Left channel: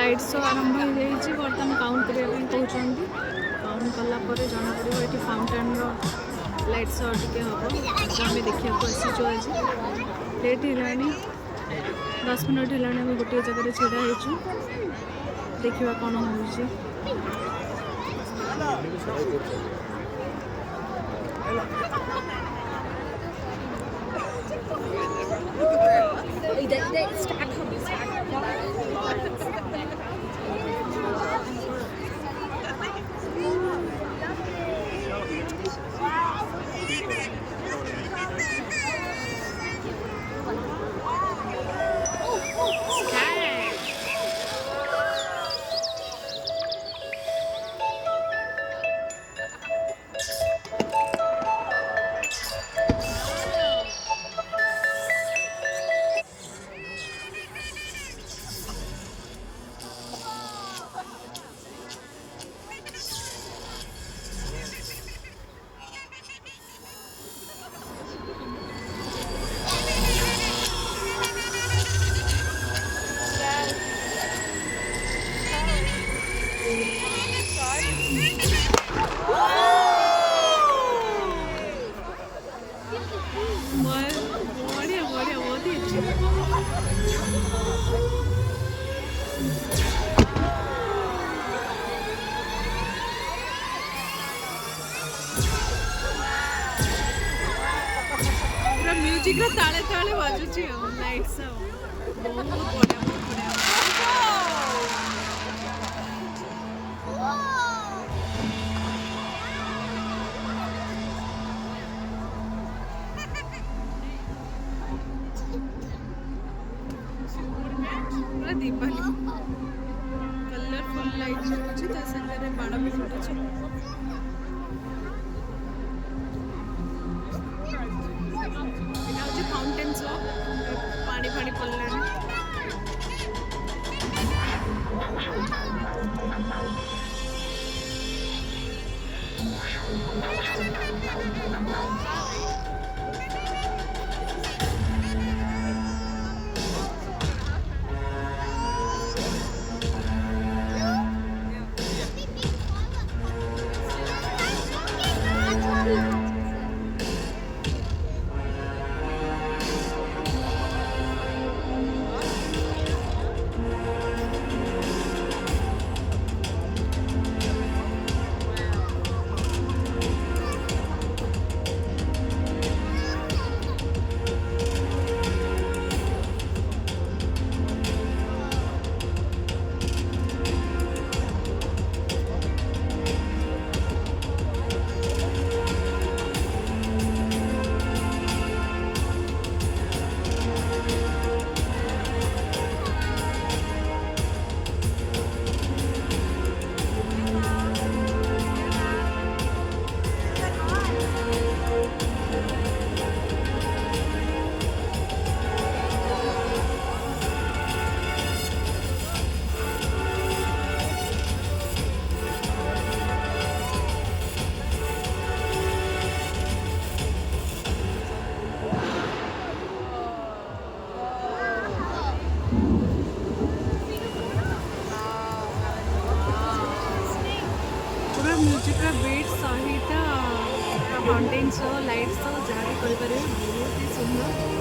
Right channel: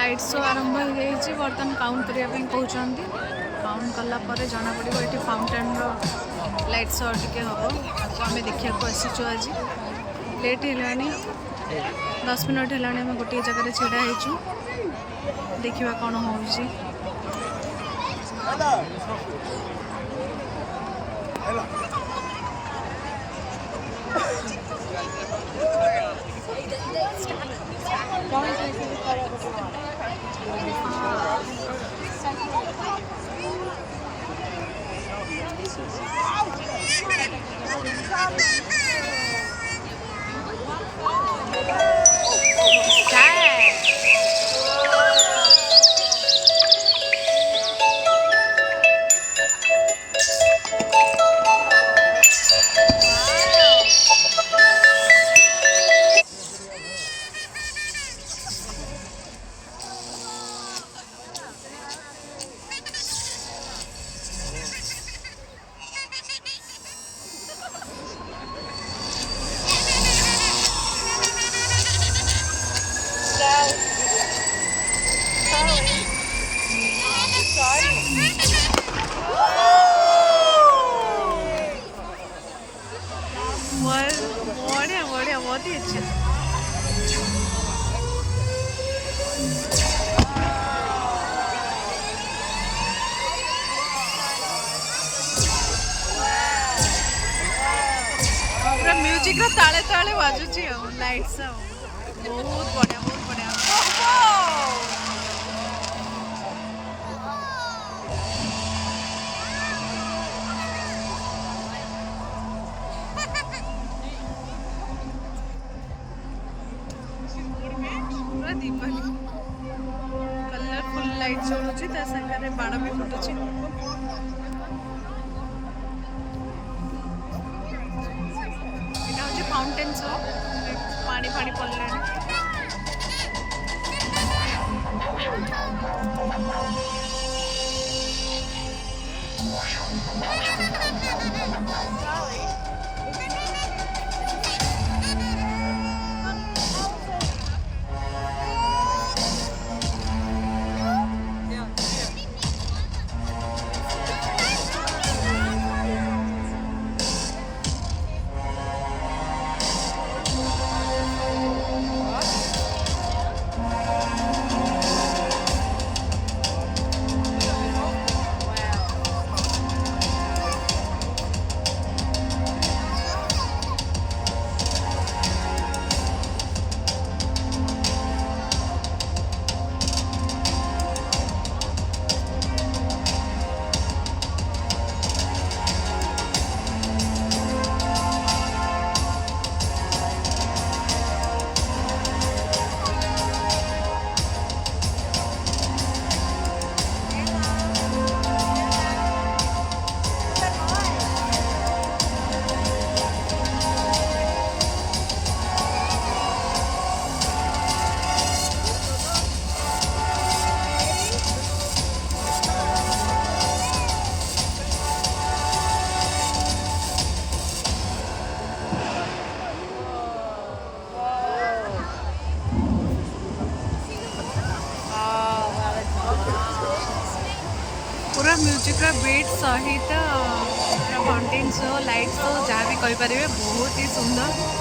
Light show आरंभ हो जाइए बर्तमान काउंट करने कहते काउंट कलापर जना पड़ो ये फाउंटेन लाइट शो टी हम ताको आम देखा आसीचु आज लेट है 10 मिनट है आम गोटे जगह छिड़ा होचु देखा कौन हो बढ़िया बढ़िया बहुत ही अच्छे पूरा म्यूजिक रा ताले ताले बाजुची लाइट्स बहुत बढ़िया बहुत बढ़िया दीपावली कलरफुल लाइट जलुची ता संगे बाण भी फुटुची एटा होची फाउंटेन शो पानी पानी पड़लानी पूरा म्यूजिक रा बीट सहित फाउंटेन शो लाइट शो जहाँ भी कही पारे बहुत ही सुंदर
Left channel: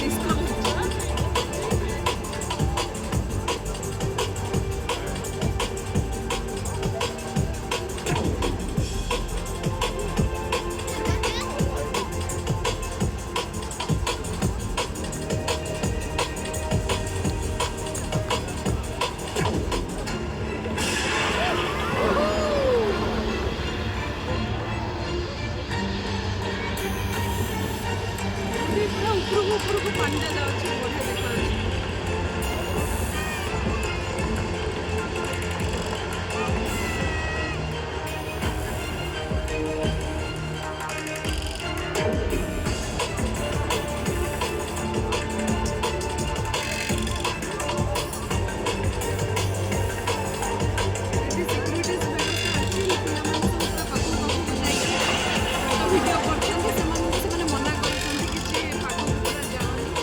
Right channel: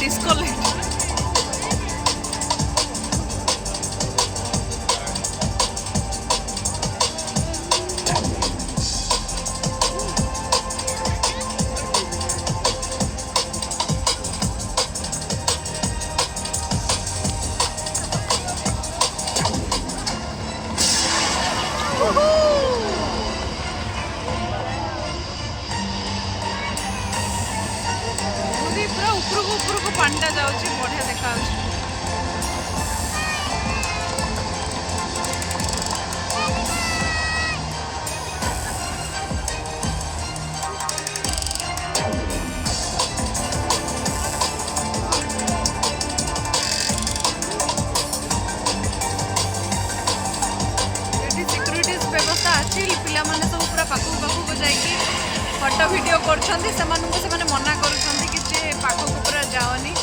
डिस्को लाइट पूरा ऊपर को पांडा जाऊँगी बढ़िया देखा पाखक पाखक जाइए फोटो वीडियो कर मना कर पाखक पूरा जाओनी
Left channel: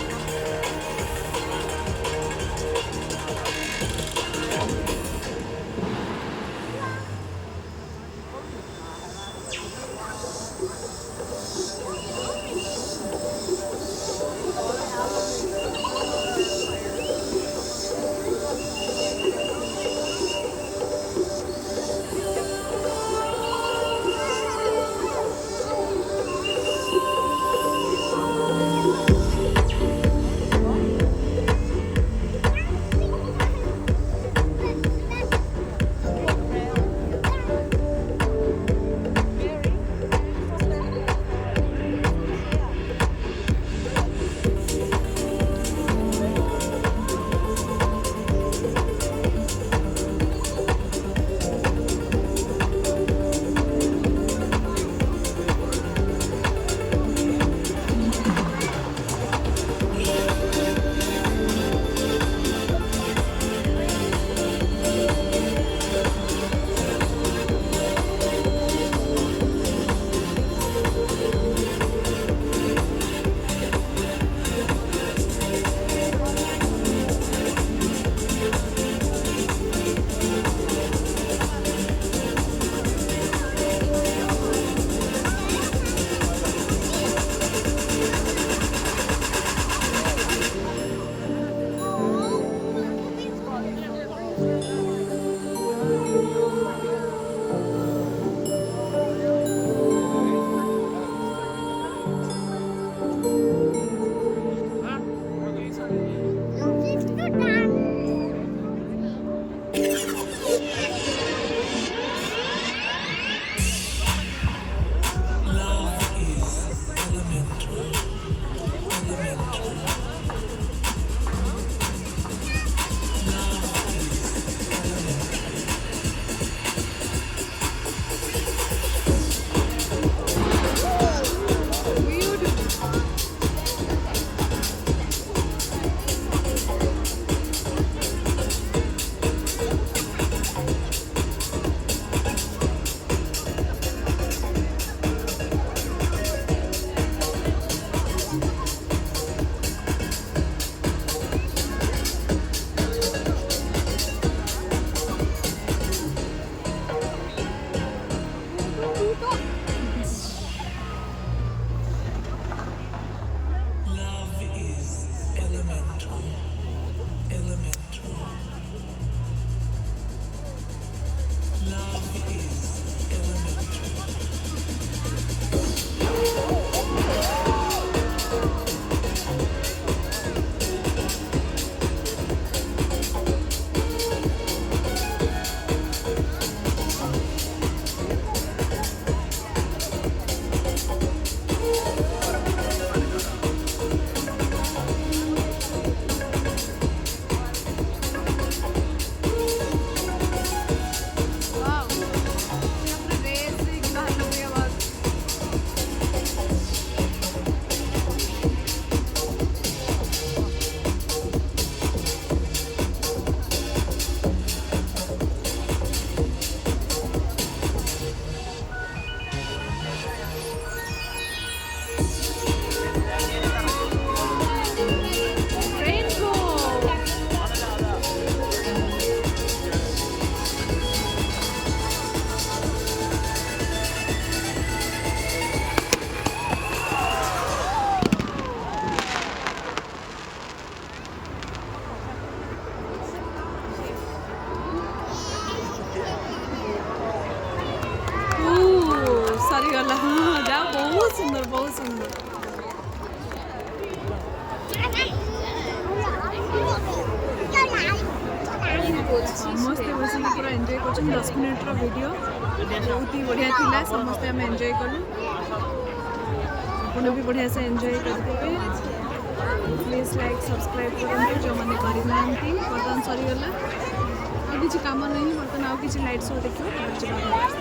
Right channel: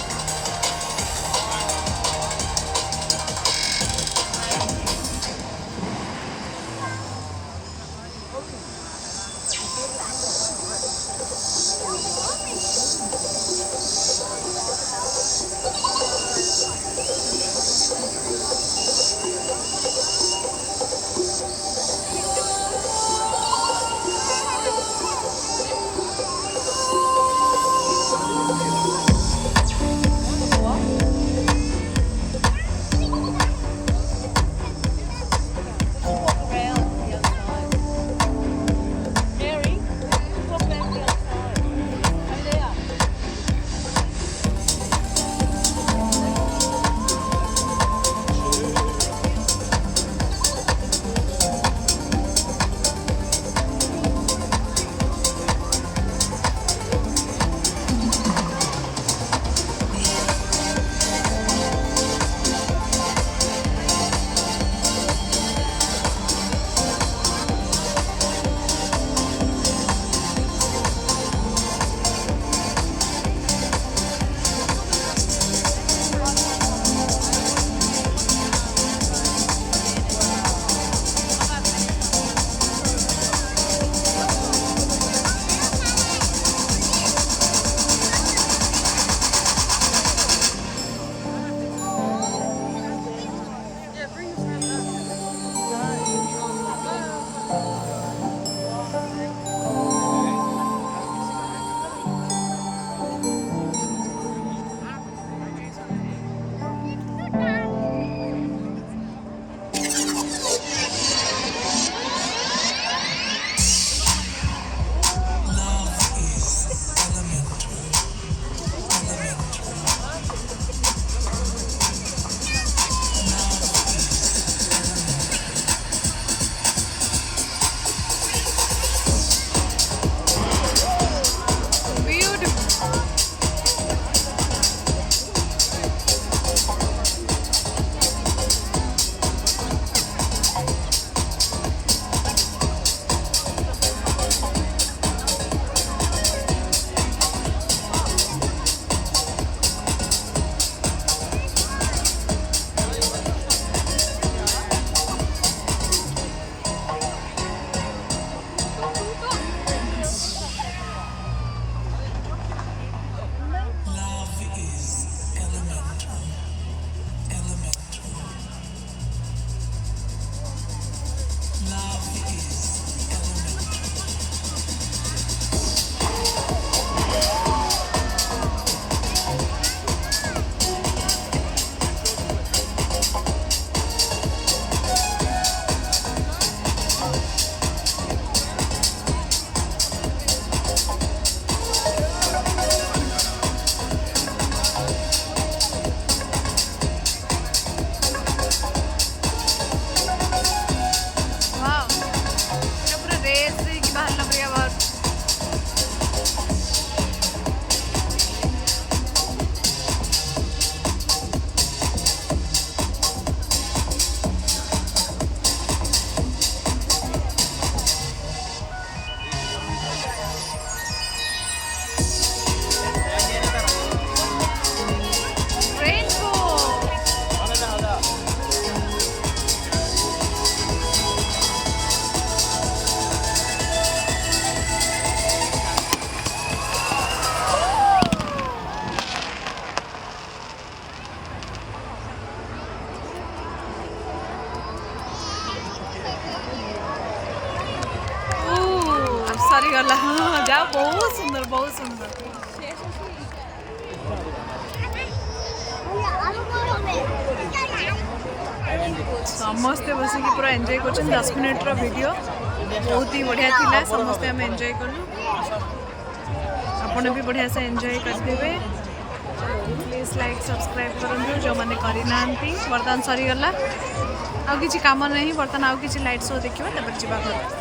सरीगला हाँ जा बहुत सुंदर बहुत सुंदर समस्ते बस पूरा एंजॉय कर 10 मिनट वीडियो बहुत ही बढ़िया थिला समस्ते आम एंजॉय कलु आपण भी बढ़िया से एंजॉय करदे प्लीज लाइक सब्सक्राइब करूँ जो मैंने करना बर्तमान सरीगला आउ किसी काम नहीं बर्तमान आउ किसी लाइट शो देखा तब जा घर।